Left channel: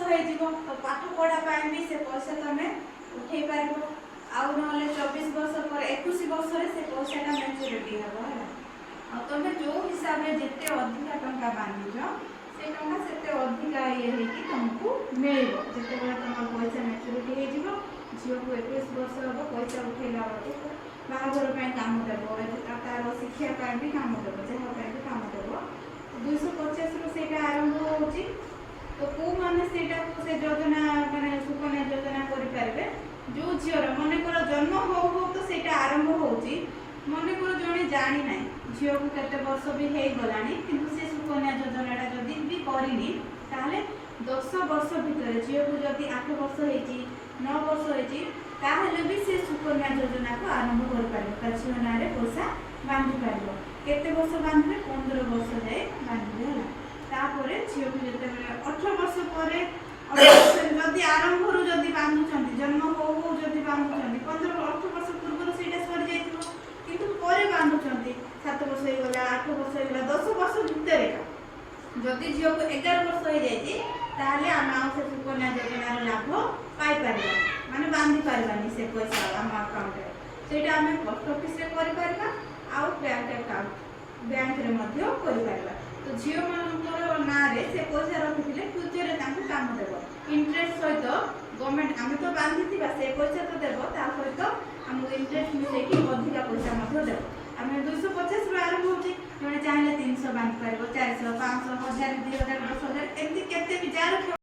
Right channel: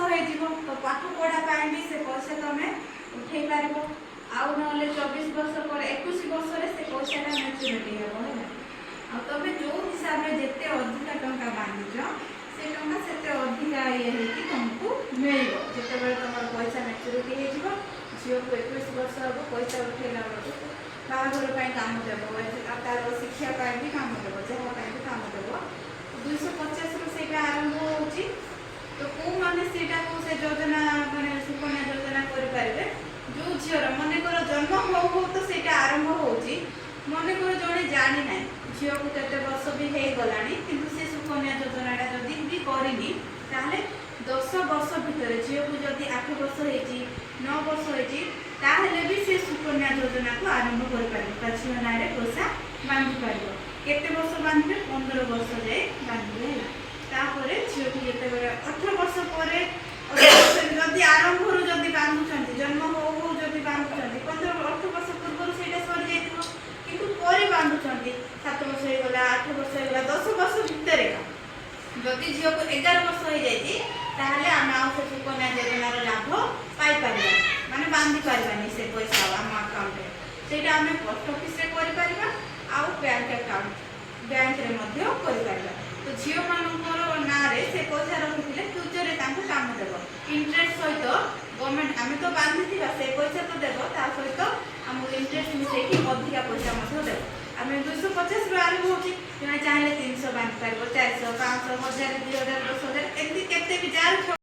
तो पाठ पढ़ा भी से पैसा तुम उठे पार आउ ना 24 वर्ष पर 21 वर्ष से पैसाटा मैच्योरिटी हम तुम जो हिसाब से जिते अधिक टंका बांधुच से टंका से अधिका ये तुमको मिल जिते तुम पैसा मैच्योरिटी हो झील को 21 वर्ष हम पैसा उठेला बेलू बाहाघर काम देव तार शिक्षा भी काम देव जहाँ भी काम देव 250 रु आरंभ हो तो कौ मैंने से योजना माने सुकन्या योजना करें जो झीर मनकर जन्म हो तो से आरंभ हो मनकर जड़े जानी ना झील को केते वर्ष भी हो गला कि सुकन्या योजनाटा जदि भी करनी 10 वर्ष भितर झील को जदि 8 वर्ष हो 9 वर्ष हो भी से सुकन्या योजना को आरंभ कर झील ना पैसा बांधि पार केते वर्ष बांधे 15 वर्ष जाए बांधे तापर झील को जिते 18 वर्ष पर जदि आरंभ जदि बांधुं जन्म हो जदि बांधुं 18 वर्ष पूर्व से सरी जाइए कि बांधुं 7 वर्ष होगा 8 वर्ष होगा 10 वर्ष भितर जदि झील को 11 वर्ष हो जाए आम से सुकन्या योजनार लाभ पाइपर माने बांधि पारानी से पैसा आम अकाउंट से आम पोस्ट ऑफिस आउ बैंक अकाउंट बैंक रे तो झील मानकर ना से पैसा रखिले फ्यूचर में काम देव इंटरेस्ट सहित गवर्नमेंट आम तो बांधि से पैसा तो देव ता सहित आमको इंटरेस्ट मिसेक अधिका पैसा देव आम 250 रु आरंभ हो चाहिए 300 बांधि पार 400 500 1000 2000 10,000 एमती केते भी जार